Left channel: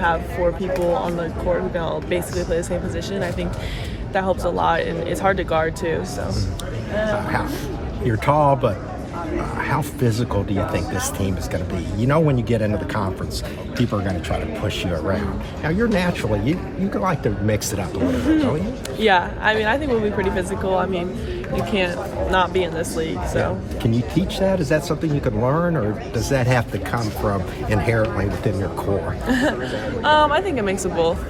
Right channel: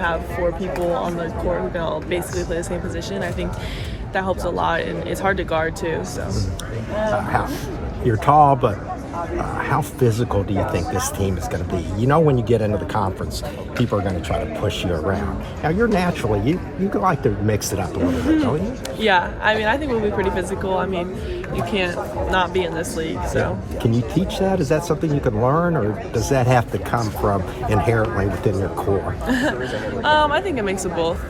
have 4 people on the court who can all basically play the same position, I think that helps a lot, and it's hard to guard too. So you're tall, but how physical do you think this team is going to be? You know, when you get into the conference, people are going to try to push you around. Now, you're naturally, you can like to mix it up a little bit, don't you? Yeah, I mean, I think we'll be pretty physical. I mean, you can't not be in this league, so. Yeah. Can you teach that? Is that something you can learn, or does that have to come from inherently within your core? I think a mix of both.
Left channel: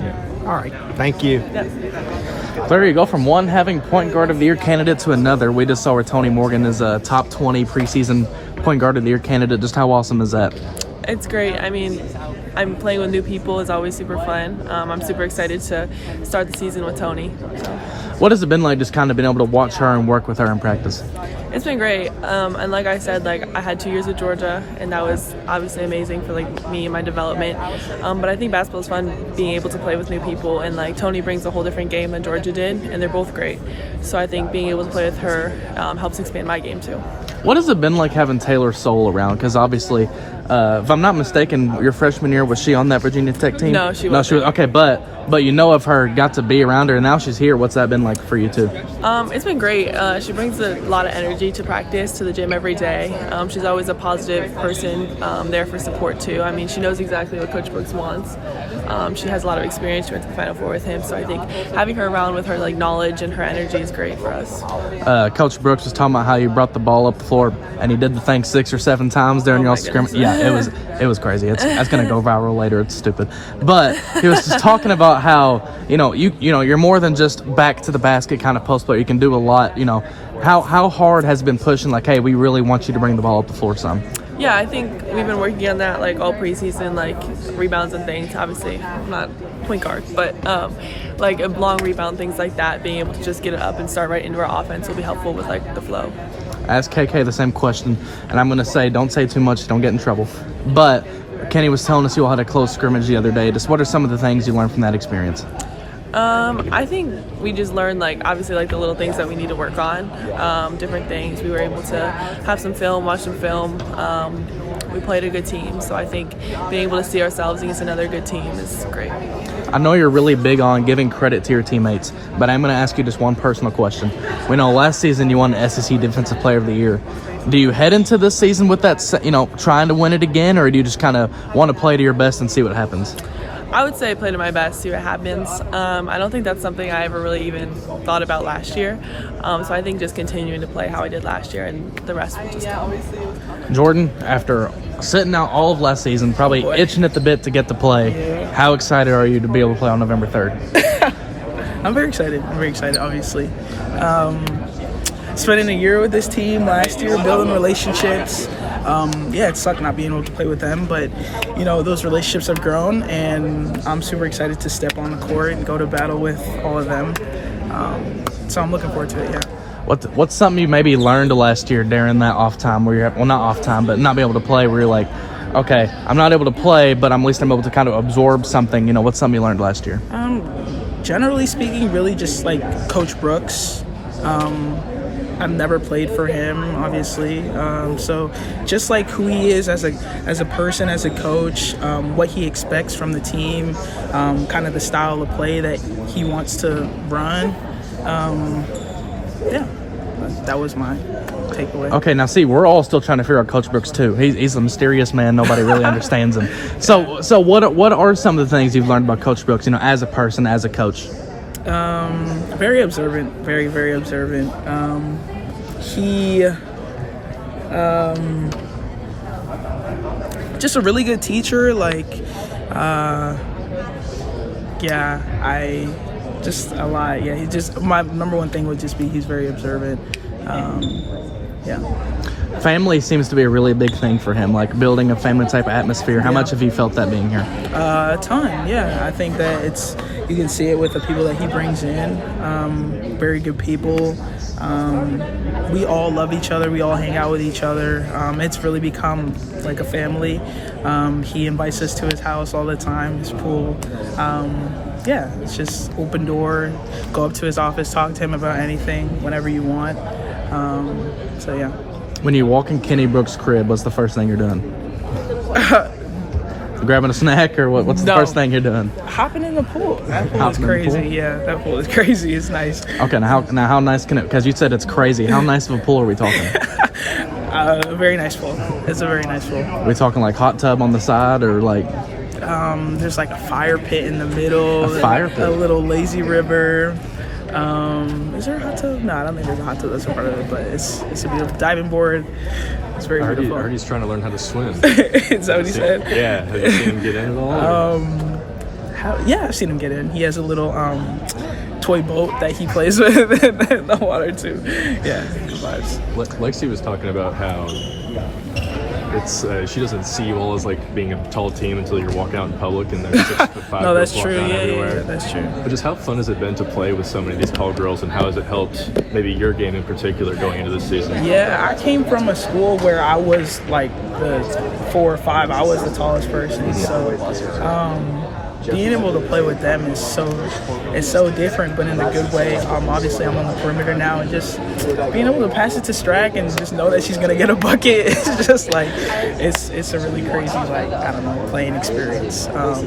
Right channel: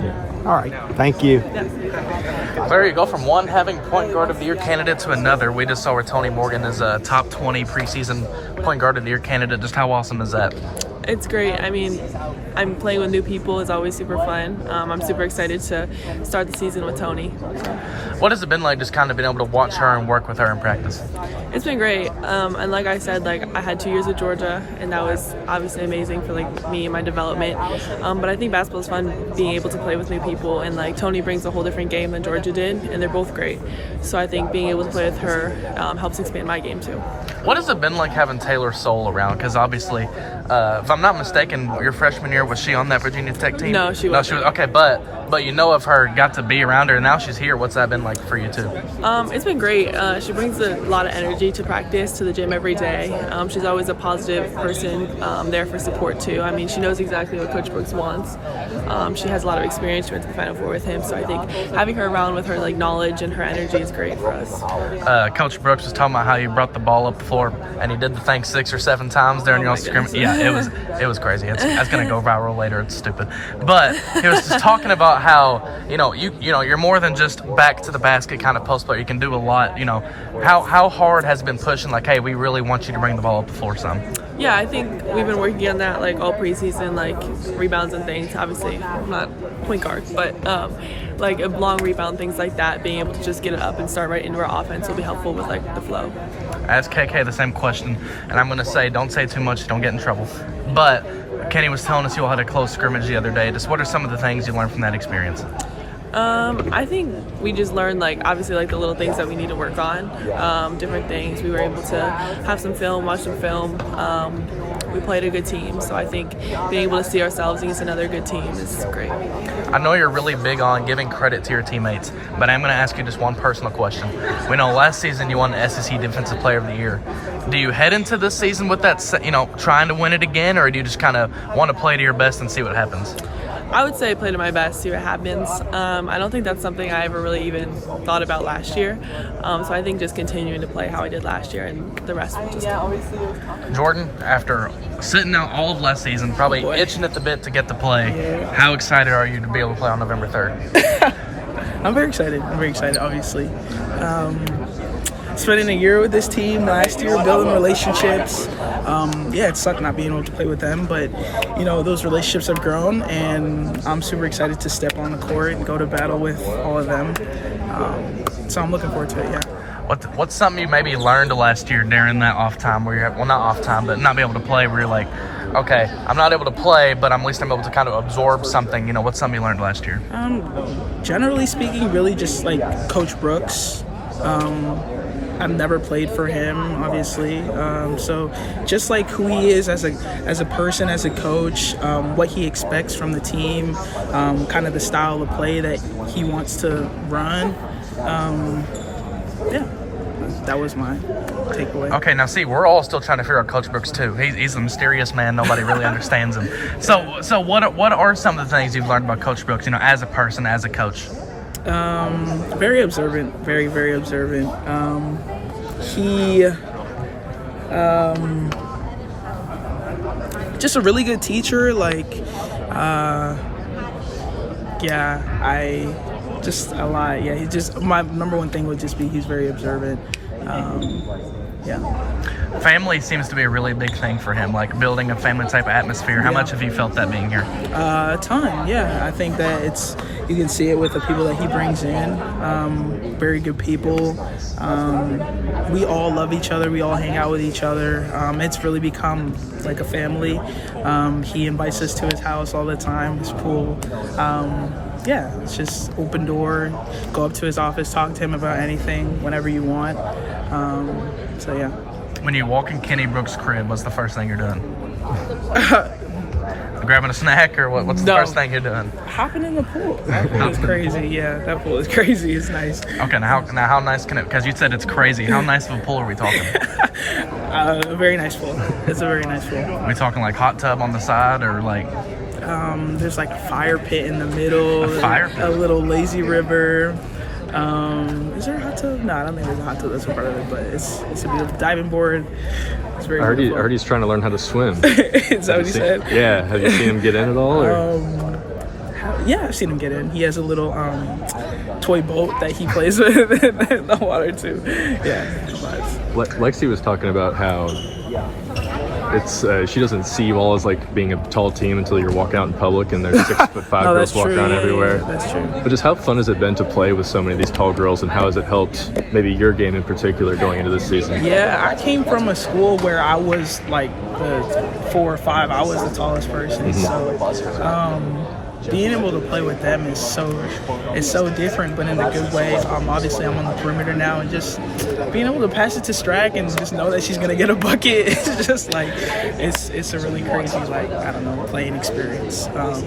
Yeah. All right, thank you. Yeah. There you go, from one having point guard of the year candidate to another. We just saw where Tony Morgan is a top 20 preseason point guard of the year candidate. Just how awesome is that? It's great. I mean, I'm playing with new people. It's always super fun. I'm super excited to start the season with Tony. So. What has it been like just kind of being able to watch her and work with her in practice? It's been great. And like I said, like I had 2 years with Georgia, and that was obviously amazing for like me and my development. But I think basketball is fun being able to play with new people, and like Tony brings a whole different game than Georgia did, and they're both great. So I think being able to play with her helps expand my game too. What has it been like having Taylor Soule around? Because obviously, if I'm not mistaken, your freshman year, was she on that Virginia Tech team? No, she wasn't. Okay, but you know of her, got to be around her, and now she's here. What's that been like for you too? It's been great. She brings a lot of energy to practice, to the gym every day. She's always a positive person, there for support too. I mean, she knows exactly what Coach Brooks wants. She has a lot of experience. She went to the Final Four with him, so I think having her around with her like knowledge and her energy is great for us. Coach Brooks was talking about how you brought the ball up the floor, and he did the thing 6 or 7 times during your scrimmage. Yeah, it was crazy. That's gonna go viral later. It's stupid, but he was just talking about how you're more than just back to the basket kind of post player. You can do a lot. How hard has it been pushing? Like, hey, we really want you to bring the ball up the floor some. Yeah, I think we've been working on that like all preseason, like rebounds and things. Obviously, I'm not point guard, but like a long rebound, things like that. Being able to just get it up and start right into our offense will be helpful with like the flow. Ask KK the same question, and I'm gonna say, don't say too much, don't get in trouble. But Kenny was telling us you all had a close scrimmage the other day. Just what are some of the things you learned from that experience? I think we just learned like obviously like the little things that we need to work on, different things. We were able to have some film, watch some film. We played a good team, so I think being able to see ourselves against another good team is great. I know you're really big on giving credit to your teammates, but I'm going to ask you just one personal question. We know last season you won SEC Defensive Player of the Year. Do you head into this season with that, trying to win it again, or do you just kind of want to play to your best and see what happens? I would say play to my best, see what happens. I don't think that's something I ever really even thought about last year. So I think just continuing to play how I did last year, and the rest will just come. Jordan, after sitting out all of last season, probably itching at the bit to get to play, how excited are you to be able to play on November 3rd? I'm very excited. obviously. Spending a year with this team last year, building relationships. It sucked not being able to play with them, but those relationships have grown, and I'm super excited to step on the court and go to battle with all of them. So I'm looking forward to it. Yeah. What's something you maybe learned last year during that off time where you're not off time, but not be able to play, where you're like, okay, I'm not able to play, but at least I'm able to kind of absorb something. What's something you learned last year? Generally speaking, really just like Coach Brooks. I've never played for him, obviously. So just like who he is as a person, as a coach, what he expects from the team, kind of the style of play that he wants to run. That was my takeaway. Okay, now see, we're all still trying to figure out Coach Brooks too. He's a mysterious man. Nobody really understands him. So what are some of the things you've learned about Coach Brooks, as a person, as a coach? Very observant, very, very observant. He just a really good teacher. Just a lot. Yeah, my number one thing would just be he's very observant. Family seems to be a really big thing for him, like building a family type atmosphere. How much have you felt that being here? A ton, yeah. I think that you can see it with the people that he brings in. Very good people. We all love each other. We all hang out with each other. It's really become like a family. He invites us to his house all the time, his pool. It's just open door. Go up to his office, talk to him about anything, whenever you want. When you walk in Kenny Brooks' crib, what's the first thing you're doing? grabbing a snack, or what's the No. first thing you're doing? Hopping in the pool. That pool is Hopping in the crazy. pool? Yeah, that pool is crazy. It's nice. Okay, now how nice can it? Because you said it's crazy. How nice of a pool are we talking? A very nice pool. It's a very nice pool. Are we talking like hot tub on the side, or like? There's like a fire pit in the middle. A fire pit? A little lazy river. Is there a hot tub? No, I don't think there's a hot tub that's a part of it, but it's a beautiful diving board. It's very beautiful. I heard he's trying to learn how to swim. Is that what he said? Yeah. Have you seen him get in at all? or- Yeah, I've seen him get in. He has a little toy boat that he plays with in the water too. Yeah, good vibes. Lexi was talking about how it's she doesn't see you all as like being a tall team until you're walking out in public and there's 6'5" No, that's girls true. walking out Yeah, everywhere. that's true. But just how fun has it been to play with so many of these tall girls, and how has it helped maybe your game in particular going into this season? Yeah, I came from a school where I was like the 4 or 5. I was the tallest person. So being able to play with them is so different, but in a good way. Obviously, I'm on the perimeter now, and just being able to pass it to Strack and just know that she's gonna get a bucket, it's just like it's a really crazy, like, I don't know, playing experience. But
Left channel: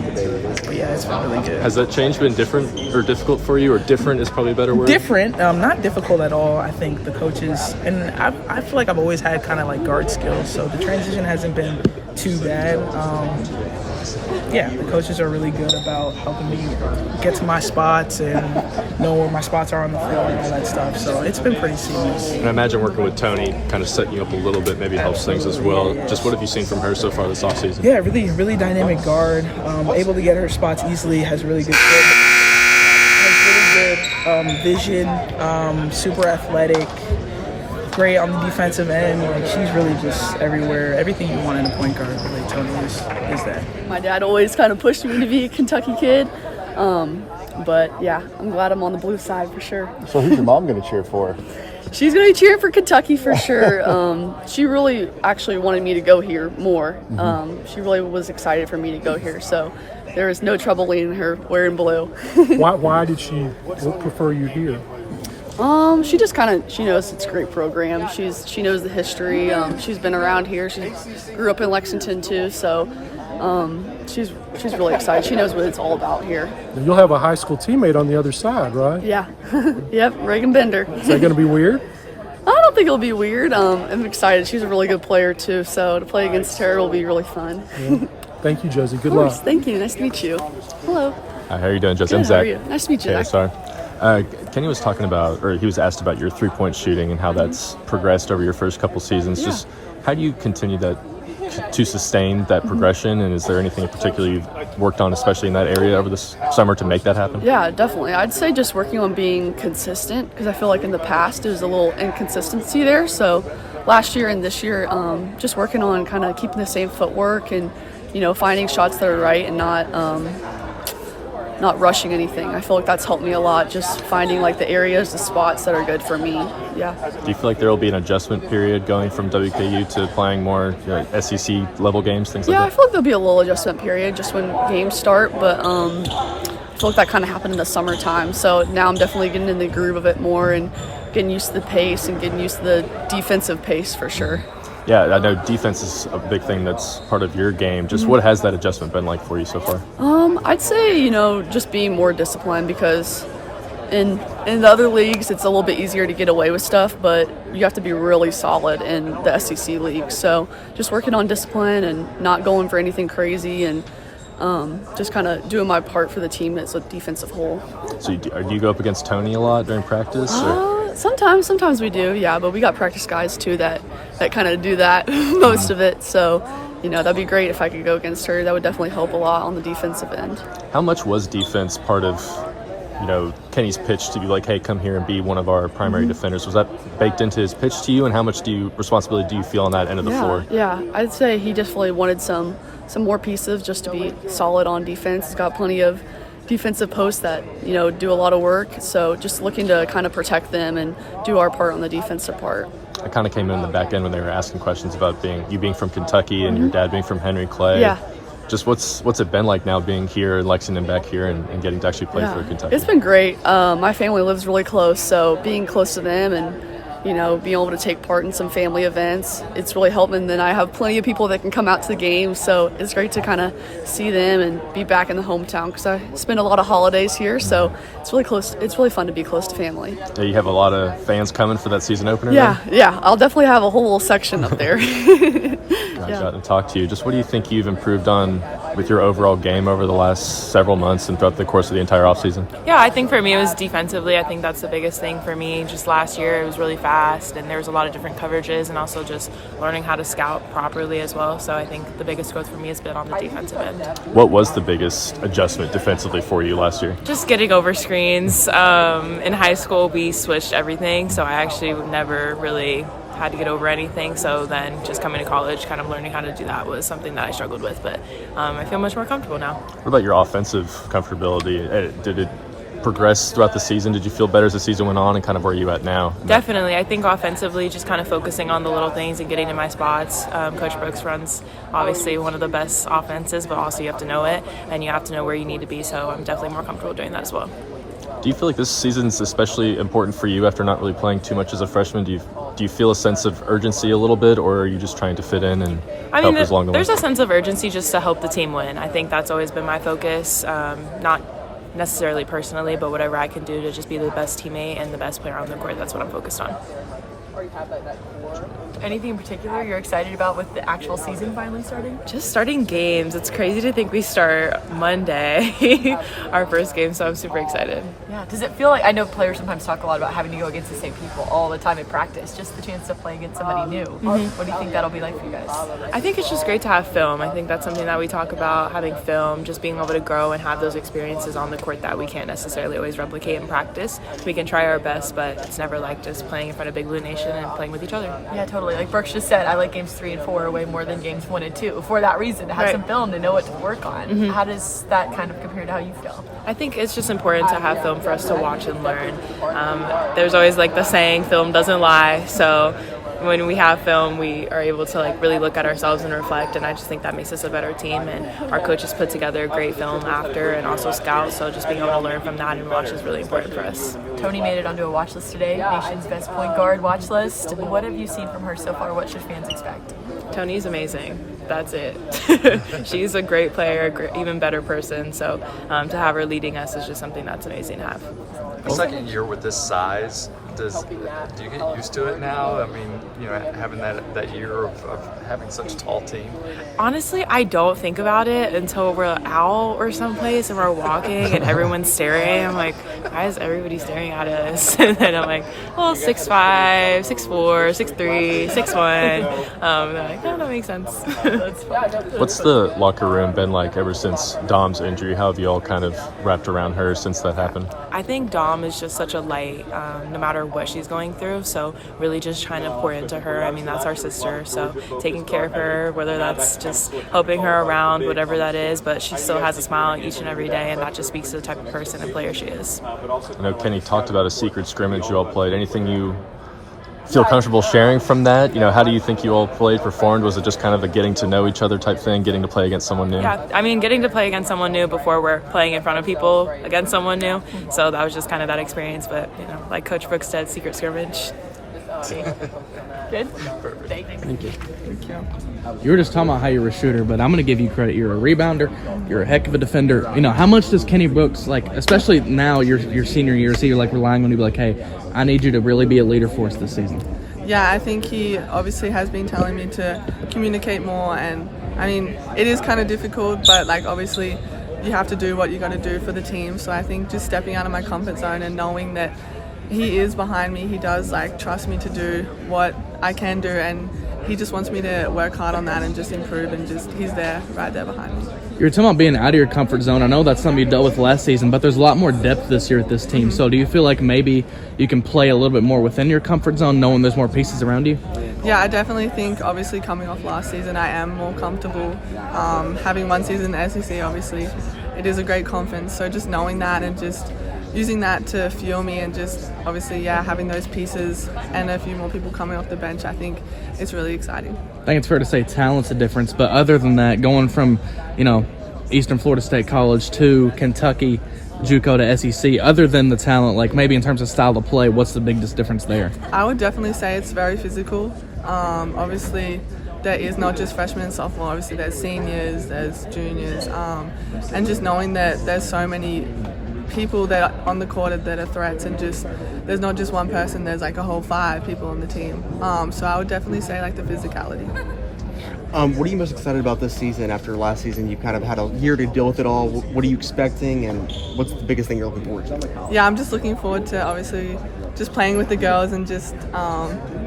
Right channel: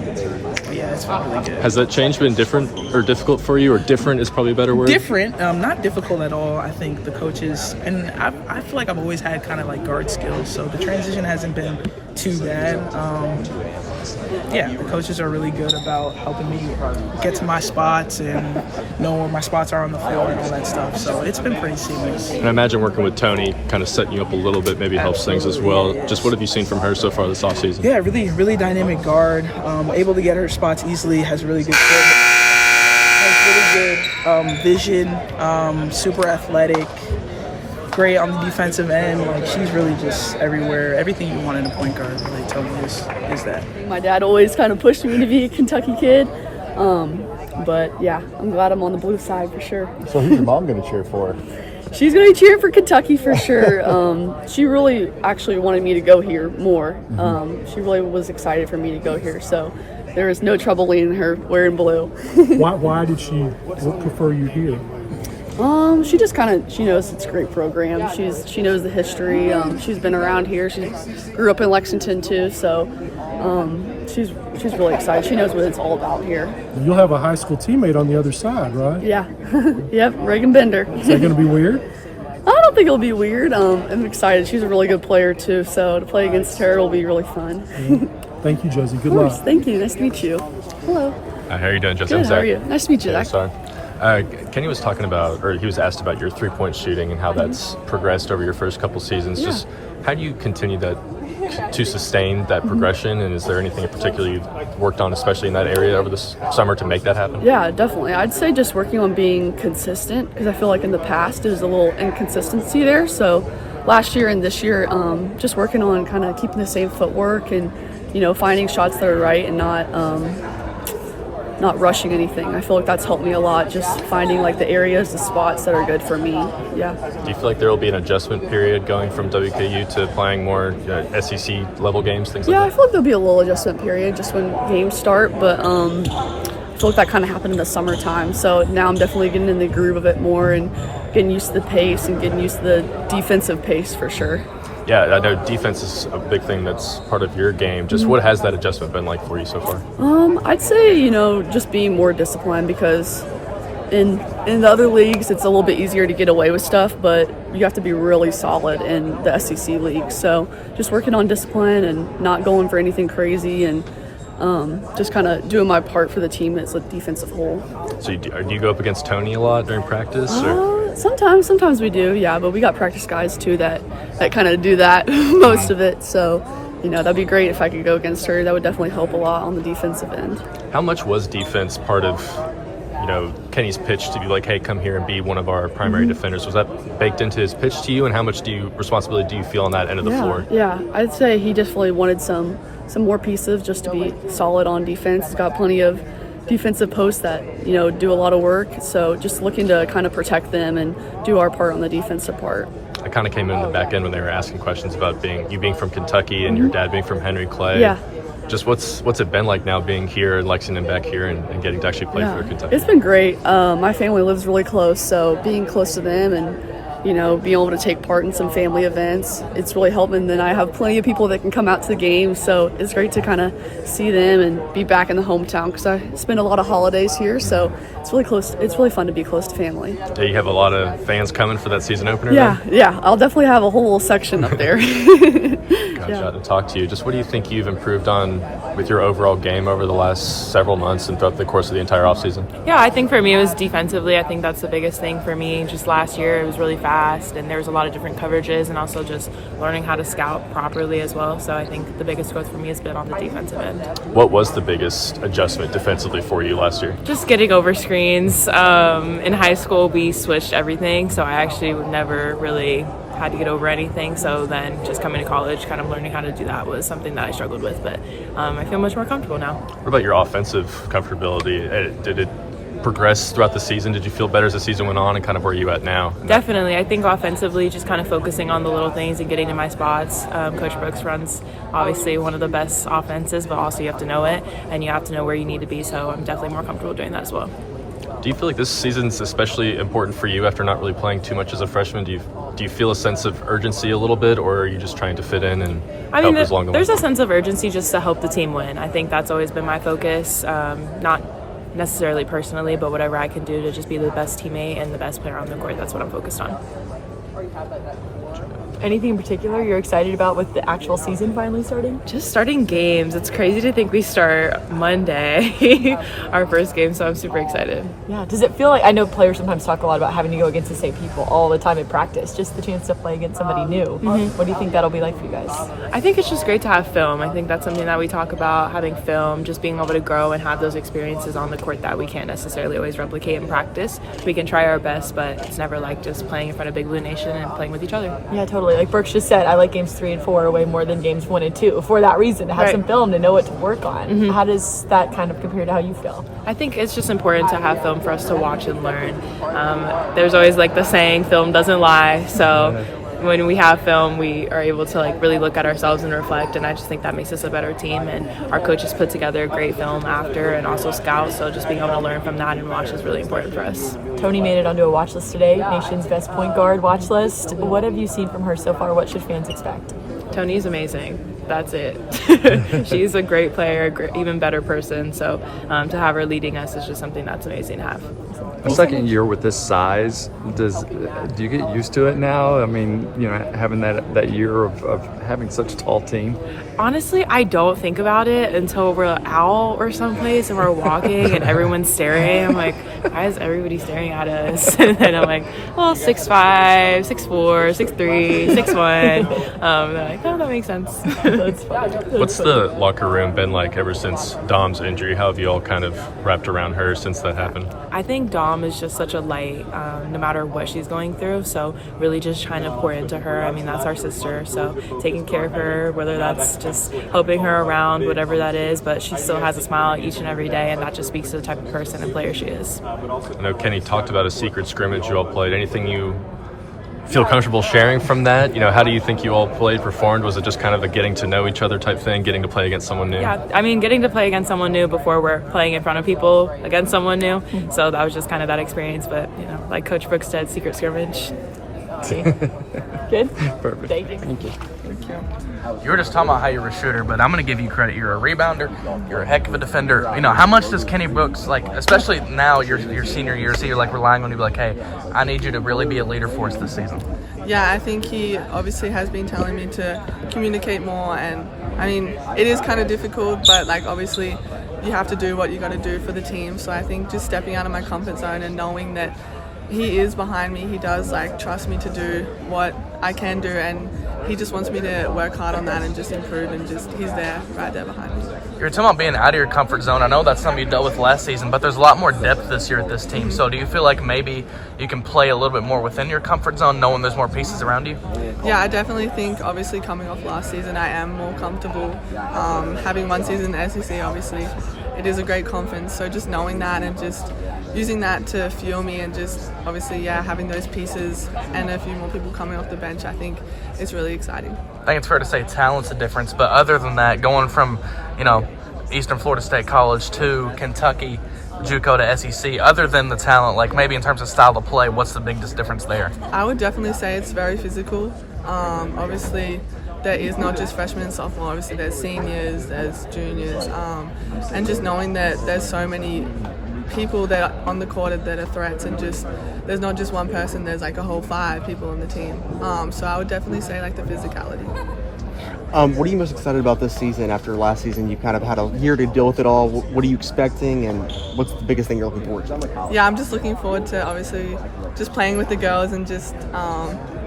yeah, it's been really good. Has that change been different or difficult for you, or different is probably a better word? Different, not difficult at all. I think the coaches, and I feel like I've always had kind of like guard skills, so the transition hasn't been too bad. Yeah, the coaches are really good about helping me get to my spots and know where my spots are on the floor and all that stuff. So it's been pretty seamless. And I imagine working with Tony kind of setting you up a little bit maybe helps things as Absolutely, well. yeah. Just what have you seen from her so far this offseason? Yeah, really dynamic guard. Able to get her spots easily. Has really good vision. Super athletic. Great on the defensive end. Like, she's really just everywhere. Everything you want in a point guard, really, Tony is that. My dad always kind of pushed me to be a Kentucky kid. But yeah, I'm glad I'm on the blue side for sure. So who's your mom going to cheer for? She's going to be cheering for Kentucky for sure. She really actually wanted me to go here more. She really was excited for me to go here. So there was no trouble leading her wearing blue. Why did she prefer you here? She just she knows it's a great program. She knows the history. She's been around here. She grew up in Lexington too, so she's really excited. She knows what it's all about here. You'll have a high school teammate on the other side, right? Yeah. Yep, Reagan Bender. Is that going to be weird? I don't think it'll be weird. I'm excited. She's a really good player too, so to play against her will be really fun. Yeah. Thank you, Josie. Good Of course. luck. Thank you. Nice to meet you. Hello. How are you doing, Justin? Good. How are you? Nice to meet you, Yeah, Zach. sorry. Kenny was talking about, or he was asked about your three-point shooting and how that's progressed over your first couple seasons. Yeah. Just how do you continue to sustain that progression, and is there anything in particular you've worked on, especially in that area over this summer, to make that happen? Yeah, definitely. I'd say just working on being consistent, because I feel like in the past there was a little inconsistency there. So last year and this year, just working on kind of keeping the same footwork and, finding shots that are right and not rushing anything. I feel like that's helped me a lot, just finding like the areas, the spots that are good for me. Yeah. Do you feel like there will be an adjustment period going from WKU to playing more SEC level games, things Yeah, I like that? feel like there'll be a little adjustment period just when games start, but I feel like that kind of happened in the summertime. So now I'm definitely getting in the groove of it more and getting used to the pace and getting used to the defensive pace for sure. Yeah, I know defense is a big thing that's part of your game. Just what has that adjustment been like for you so far? I'd say, just being more disciplined, because in the other leagues it's a little bit easier to get away with stuff, but you have to be really solid in the SEC league. So just working on discipline and not going for anything crazy and just kind of doing my part for the team as a defensive whole. So do you go up against Tony a lot during practice? Or? Sometimes we do, yeah, but we got practice guys too that kind of do that most of it. So, that'd be great if I could go against her. That would definitely help a lot on the defensive end. How much was defense part of, Kenny's pitch to be like, hey, come here and be one of our primary defenders? Was that baked into his pitch to you, and how much responsibility do you feel on that end of the floor? Yeah, I'd say he definitely wanted some more pieces just to be solid on defense. He's got plenty of defensive posts that do a lot of work, so just looking to kind of protect them and do our part on the defensive part. I kind of came in the back end when they were asking questions about you being from Kentucky and your dad being from Henry Clay. Yeah. Just what's it been like now being here in Lexington, back here, and getting to actually play for Kentucky? It's been great. My family lives really close, so being close to them and being able to take part in some family events. It's really helped. And then I have plenty of people that can come out to the games, so it's great to kind of see them and be back in the hometown because I spend a lot of holidays here, so it's really close. It's really fun to be close to family. Yeah, you have a lot of fans coming for that season opener. Yeah, I'll definitely have a whole section up there. Glad to talk to you. Just what do you think you've improved on with your overall game over the last several months and throughout the course of the entire offseason? Yeah, I think for me it was defensively. I think that's the biggest thing for me. Just last year it was really fast and there was a lot of different coverages and also just learning how to scout properly as well. So I think the biggest growth for me has been on the defensive end. What was the biggest adjustment defensively for you last year? Just getting over screens. In high school we switched everything, so I actually never really had to get over anything. So then just coming to college, kind of learning how to do that was something that I struggled with, but I feel much more comfortable now. What about your offensive comfortability? Did it progress throughout the season? Did you feel better as the season went on, and kind of where are you at now? Definitely. I think offensively, just kind of focusing on the little things and getting to my spots. Coach Brooks runs obviously one of the best offenses, but also you have to know it and you have to know where you need to be. So I'm definitely more comfortable doing that as well. Do you feel like this season's especially important for you after not really playing too much as a freshman? Do you feel a sense of urgency a little bit, or are you just trying to fit in and help as long as there's a sense of urgency just to help the team win. I think that's always been my focus, not necessarily personally, but whatever I can do to just be the best teammate and the best player on the court, that's what I'm focused on. Anything in particular you're excited about with the actual season finally starting? Just starting games. It's crazy to think we start Monday, our first game, so I'm super excited. Yeah. Does it feel like, I know players sometimes talk a lot about having to go against the same people all the time in practice, just the chance to play against somebody new. What do you think that'll be like for you guys? I think it's just great to have film. I think that's something that we talk about, having film, just being able to grow and have those experiences on the court that we can't necessarily always replicate in practice. We can try our best, but it's never like just playing in front of Big Blue Nation and playing with each other. Yeah, totally. Like Brooks just said, I like games 3 and 4 way more than games 1 and 2 for that reason, to have some film to know what to work on. How does that kind of compare to how you feel? I think it's just important to have film for us to watch and learn. There's always like the saying, film doesn't lie. So when we have film, we are able to like really look at ourselves and reflect, and I just think that makes us a better team. And our coaches put together great film after and also scout, so just being able to learn from that and watch is really important for us. Tony made it onto a watch list today, nation's best point guard watch list. What have you seen from her so far? What should fans expect? Tony's amazing. That's it. She's a great player, even better person. So to have her leading us is just something that's amazing to have. A second year with this size, do you get used to it now? I mean, having that year of having such a tall team. Honestly, I don't think about it until we're out or someplace and we're walking and everyone's staring. I'm like, why is everybody staring at us? And then I'm like, well, 6'5", 6'4", 6'3", 6'1". They're like, oh, that makes sense. What's the locker room been like ever since Dom's injury? How have you all kind of wrapped around her since that happened? I think Dom is just such a light, no matter what she's going through. So really just trying to pour into her. I mean, that's our sister. So taking care of her, whether that's just helping her around, whatever that is, but she still has a smile each and every day. And that just speaks to the type of person and player she is. I know Kenny talked about a secret scrimmage you all played. Anything you feel comfortable sharing from that? How do you think you all performed? Was it just kind of a getting to know each other type thing, getting to play against someone new? Yeah, I mean, getting to play against someone new before we're playing in front of people against someone new. So that was just kind of that experience. But, like Coach Brooks said, secret scrimmage. Good? Perfect. Thank you. You were just talking about how you're a shooter, but I'm going to give you credit. You're a rebounder. You're a heck of a defender. How much does Kenny Brooks, especially now your senior year, so you're relying on you to be like, hey, I need you to really be a leader for us this season? Yeah, I think he obviously has been telling me to communicate more, and I mean, it is kind of difficult, but obviously you have to do what you got to do for the team. So I think just stepping out of my comfort zone and knowing that he is behind me, he does trust me to do what I can do, and he just wants me to work hard on that and just improve, and he's there, right there behind me. You were talking about being out of your comfort zone. I know that's something you dealt with last season, but there's a lot more depth this year at this team. So do you feel like maybe you can play a little bit more within your comfort zone knowing there's more pieces around you? Yeah, I definitely think, obviously coming off last season, I am more comfortable. Having one season in the SEC, obviously, it is a great conference. So just knowing that and just using that to fuel me, and just obviously, having those pieces and a few more people coming off the bench, I think it's really exciting. I think it's fair to say talent's a difference, but other than that, going from, Eastern Florida State College to Kentucky JUCO to SEC, other than the talent, like maybe in terms of style of play, what's the biggest difference there? I would definitely say it's very physical. Obviously, there is not just freshmen and sophomore. Obviously, there's seniors, there's juniors, and just knowing that there's so many people that are on the court that are threats, and just there's not just one person. There's like a whole 5 people on the team. So I would definitely say like the physicality. What are you most excited about this season? After last season, you kind of had a year to deal with it all. What are you expecting, and what's the biggest thing you're looking forward to? Yeah, I'm just looking forward to obviously just playing with the girls and just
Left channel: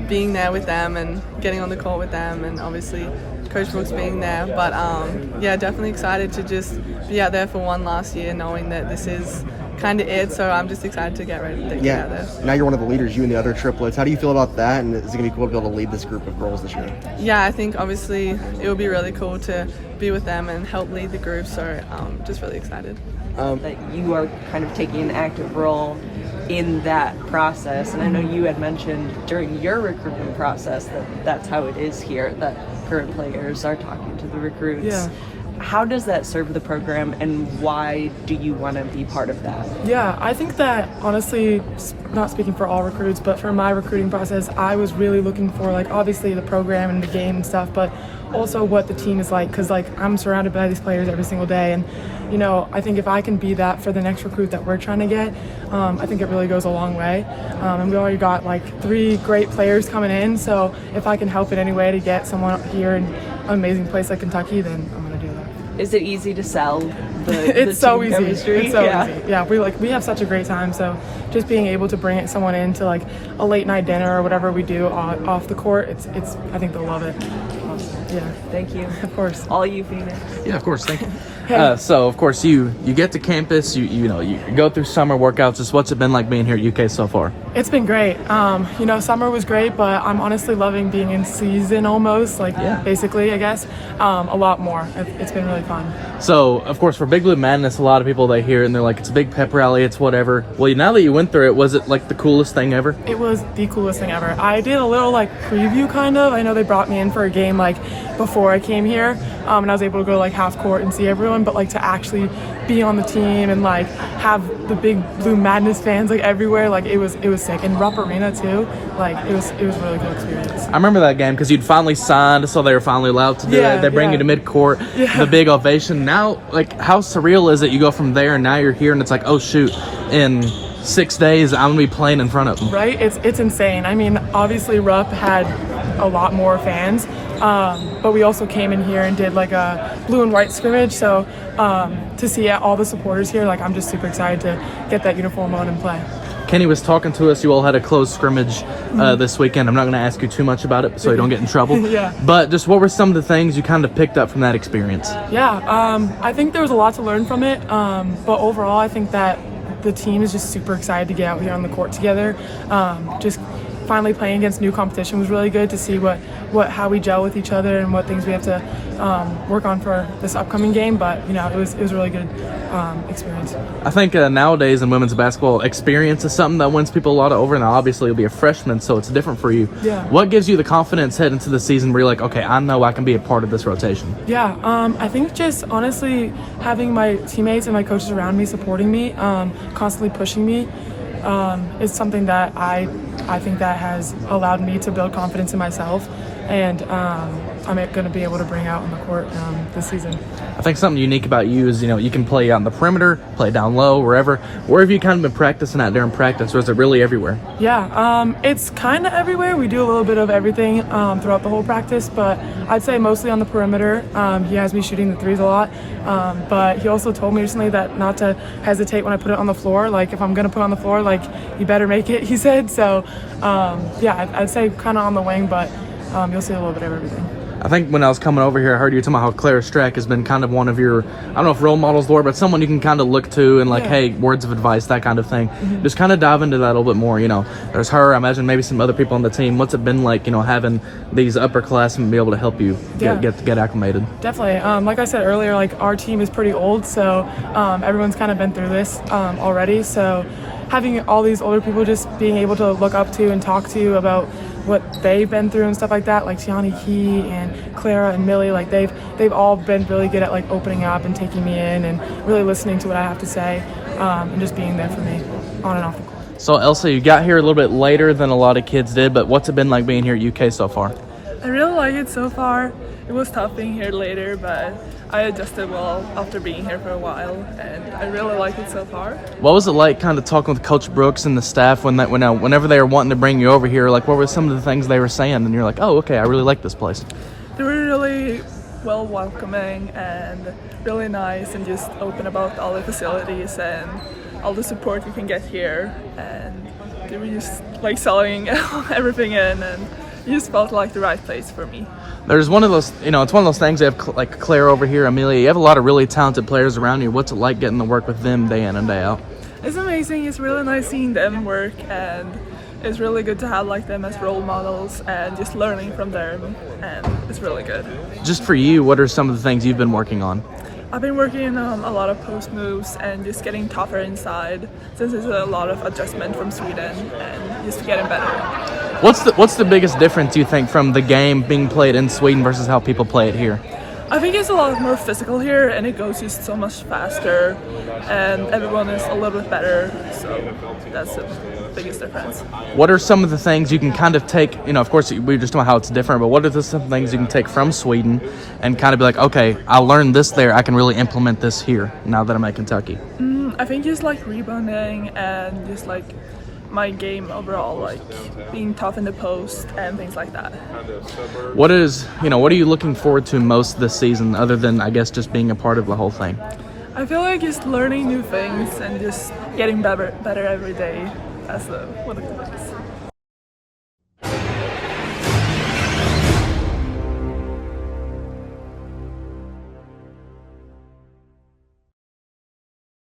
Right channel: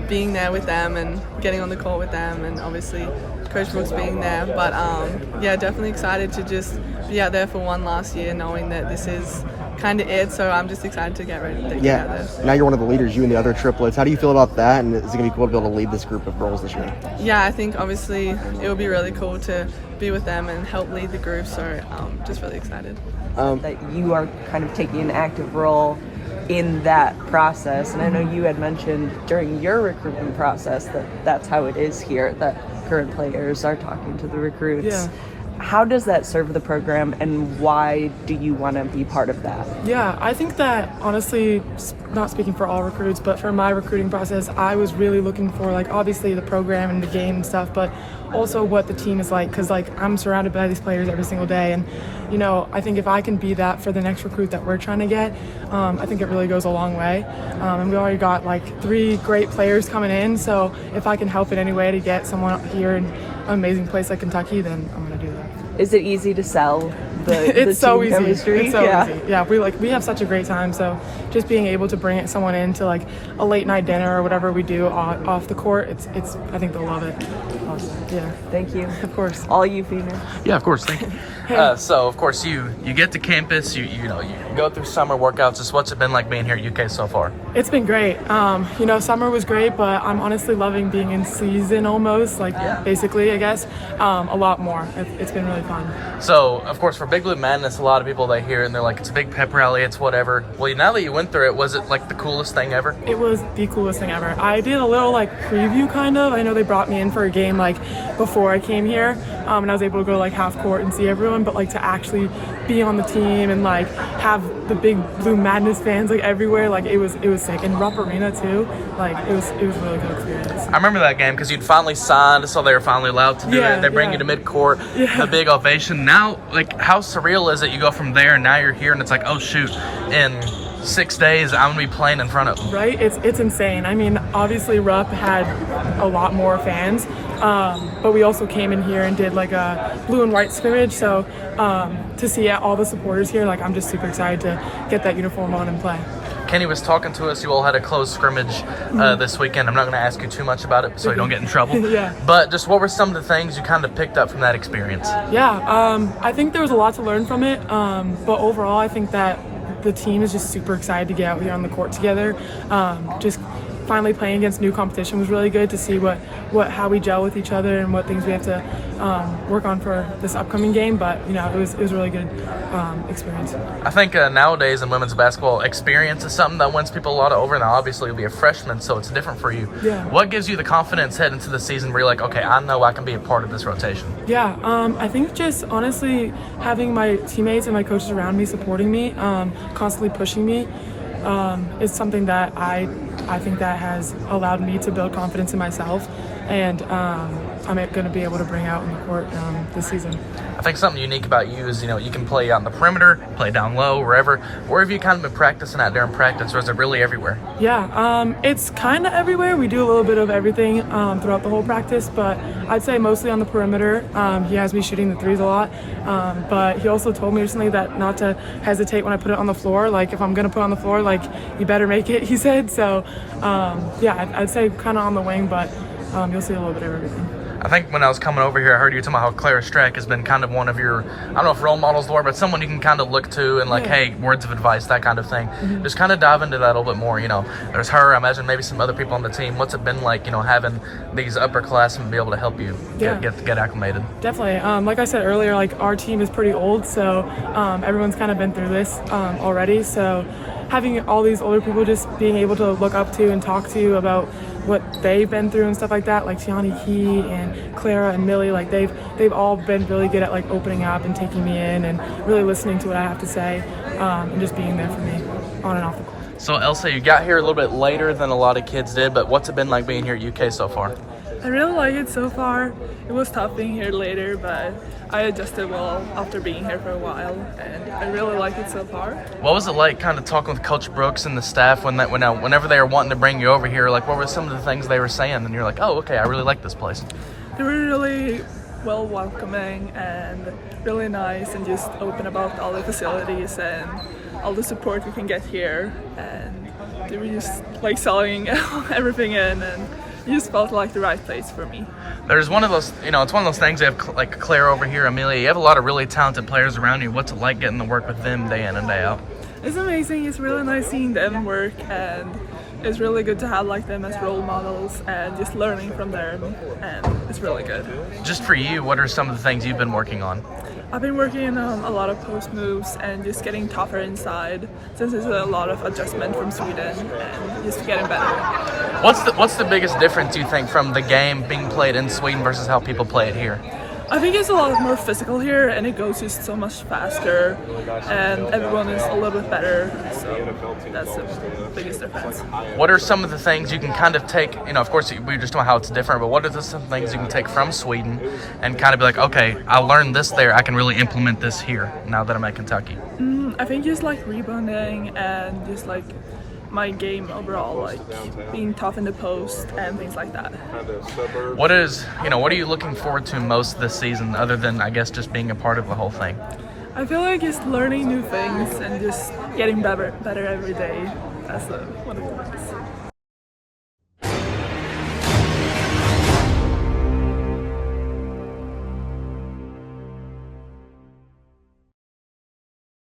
being there with them and getting on the court with them, and obviously Coach Brooks being there. But yeah, definitely excited to just be out there for one last year, knowing that this is kind of it. So I'm just excited to get ready to get out there. Now you're one of the leaders, you and the other triplets. How do you feel about that? And is it going to be cool to be able to lead this group of girls this year? Yeah, I think obviously it would be really cool to be with them and help lead the group. So just really excited. That you are kind of taking an active role in that process. And I know you had mentioned during your recruitment process that that's how it is here, that current players are talking to the recruits. Yeah. How does that serve the program, and why do you want to be part of that? Yeah, I think that honestly, not speaking for all recruits, but for my recruiting process, I was really looking for like obviously the program and the game and stuff, but also what the team is like, because like I'm surrounded by these players every single day, and you know, I think if I can be that for the next recruit that we're trying to get, I think it really goes a long way. And we already got like 3 great players coming in, so if I can help in any way to get someone here in an amazing place like Kentucky, then I'm going to do that. Is it easy to sell it's so easy. chemistry? It's so easy. Yeah, we have such a great time. So just being able to bring someone into like a late night dinner or whatever we do off the court, it's I think they'll love it. Yeah. Thank you. Of course. All you females. Yeah, of course. Thank you. So, of course, you get to campus, you go through summer workouts. Just what's it been like being here at UK so far? It's been great. You know, summer was great, but I'm honestly loving being in season almost, like basically, I guess, a lot more. It's been really fun. So, of course, for Big Blue Madness, a lot of people they hear and they're like, it's a big pep rally, it's whatever. Well, now that you went through it, was it like the coolest thing ever? It was the coolest thing ever. I did a little like preview kind of. I know they brought me in for a game like before I came here, and I was able to go to like half court and see everyone, but like to actually be on the team and like have the Big Blue Madness fans like everywhere, like it was sick. And Rupp Arena too, like it was a really good experience. I remember that game because you'd finally signed, so they were finally allowed to do it. They bring you to midcourt, the big ovation. Now, like, how surreal is it? You go from there and now you're here, and it's like, oh shoot, in 6 days I'm gonna be playing in front of them. Right? It's insane. I mean, obviously Rupp had a lot more fans, but we also came in here and did like a blue and white scrimmage. So to see all the supporters here, like I'm just super excited to get that uniform on and play. Kenny was talking to us. You all had a closed scrimmage this weekend. I'm not going to ask you too much about it so you don't get in trouble. But just what were some of the things you kind of picked up from that experience? I think there was a lot to learn from it. But overall, I think that the team is just super excited to get out here on the court together. Just finally playing against new competition was really good to see how we gel with each other and what things we have to work on for this upcoming game. But you know, it was a really good experience. I think nowadays in women's basketball, experience is something that wins people a lot over. Now, obviously, you'll be a freshman, so it's different for you. Yeah. What gives you the confidence heading into the season where you're like, okay, I know I can be a part of this rotation? I think just honestly having my teammates and my coaches around me supporting me, constantly pushing me, is something that I think that has allowed me to build confidence in myself, and I'm going to be able to bring out on the court this season. I think something unique about you is, you can play on the perimeter, play down low, wherever. Where have you kind of been practicing at during practice, or is it really everywhere? It's kind of everywhere. We do a little bit of everything throughout the whole practice, but I'd say mostly on the perimeter. He has me shooting the threes a lot, but he also told me recently that not to hesitate when I put it on the floor. Like, if I'm going to put it on the floor, like, you better make it, he said. So, I'd say kind of on the wing, but you'll see a little bit of everything. I think when I was coming over here, I heard you talking about how Clara Strack has been kind of one of your, I don't know if role models, Laura, but someone you can kind of look to and like, hey, words of advice, that kind of thing. Just kind of dive into that a little bit more. There's her, I imagine maybe some other people on the team. What's it been like, having these upperclassmen be able to help you get acclimated? Definitely. Like I said earlier, like our team is pretty old, so everyone's kind of been through this already. So having all these older people just being able to look up to and talk to about what they've been through and stuff like that, like Tiani Key and Clara and Millie, like they've all been really good at like opening up and taking me in and really listening to what I have to say, and just being there for me on and off the court. So Elsa, you got here a little bit later than a lot of kids did, but what's it been like being here at UK so far? I really like it so far. It was tough being here later, but I adjusted well after being here for a while, and I really like it so far. What was it like kind of talking with Coach Brooks and the staff whenever they were wanting to bring you over here? Like, what were some of the things they were saying? And you're like, oh, okay, I really like this place. They were really well welcoming and really nice and just open about all the facilities and all the support you can get here. And they were just like selling everything in, and it just felt like the right place for me. There's one of those, it's one of those things. You have like Claire over here, Amelia. You have a lot of really talented players around you. What's it like getting to work with them day in and day out? It's amazing. It's really nice seeing them work, and it's really good to have like them as role models and just learning from them, and it's really good. Just for you, what are some of the things you've been working on? I've been working on a lot of post moves and just getting tougher inside, since there's a lot of adjustment from Sweden and just getting better. What's the biggest difference you think from the game being played in Sweden versus how people play it here? I think it's a lot more physical here, and it goes just so much faster, and everyone is a little bit better, so that's the biggest difference. What are some of the things you can kind of take, of course we were just talking about how it's different, but what are some things you can take from Sweden and kind of be like, okay, I learned this there, I can really implement this here now that I'm at Kentucky? I think just like rebounding and just like my game overall, like being tough in the post and things like that. What are you looking forward to most this season, other than I guess just being a part of the whole thing? I feel like just learning new things and just getting better every day. That's one of the things.